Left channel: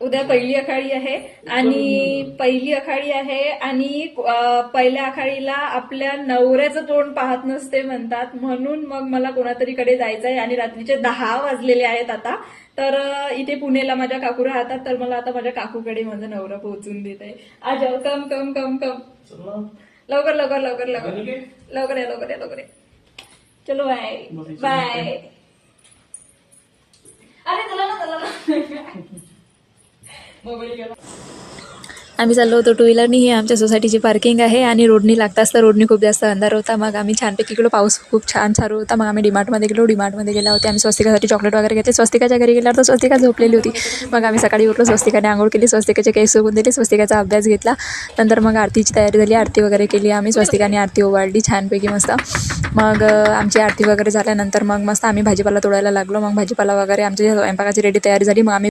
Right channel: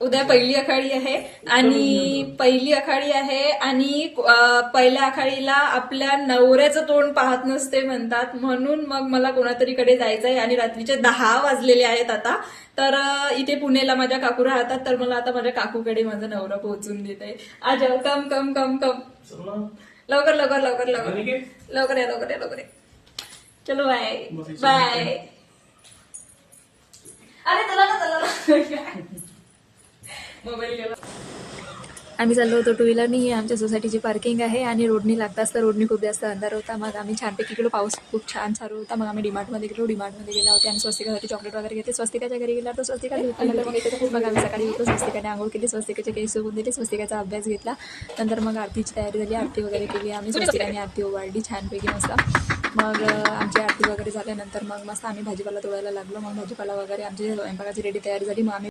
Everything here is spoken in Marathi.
उद्या पहिली आखाडी आहे आणि पहिल्या आखाडीला आपल्या नवऱ्याचं तोंड पाहत नसते म्हणतात, म्हणून मग मला कोणातरीकडे जायचं आहे आणि रात्रीचे 10 वाजलेले आहेत आता. तर इथे पुणेला माझ्या काकू राहतात, तर मला आता माझ्या काकूकडे माझा नवरा पोहोचून देत आहे. आज कम कम कम कम लवकर लवकर लवकर लवकर लवकर आहे लवकर आहे लवकर आहे. चलो बाय बाय. अरे चला ना चला ना. मोबाईल गेला. आम्ही चाललो होतो टू व्हीलरनी. ही आमच्या सोसायटीची पार्किंग आहे आणि रोडनी लागताच तर रोडनी खूप जास्त अंधार होता. मग आम्ही छानपैकी गेलो. पाऊस खूप छान चालू होता. मग आम्ही डीमार्टमध्ये गेलो. डीमार्टमध्ये गेल्या होते आम्ही स्वस्तिकासाठी चॉकलेट वगैरे घेतले. स्वस्तिकाच्या घरी गेल्यावर तर स्वस्तिका झोपलेली होती. मग आम्ही सकाळी उठलो. स्वस्तिकाने आंघोळ केली. स्वस्तिकाचे केस सोबून दिले. स्वस्तिकाचा अभ्यास घेतला. नंतर मग आरतीची तयारी झाली. आरती वगैरे केली आम्ही. स्वस्तिकाने आरती ओवाळली छानपैकी मस्त. मग आमची आरती वगैरे झाल्यानंतर मग मस्त आम्ही भाजीपाला तोडायला लागलो. मग भाजीपाला वगैरे आमची स्वयंपाकाची रेडी तयारी झाली. मग आम्ही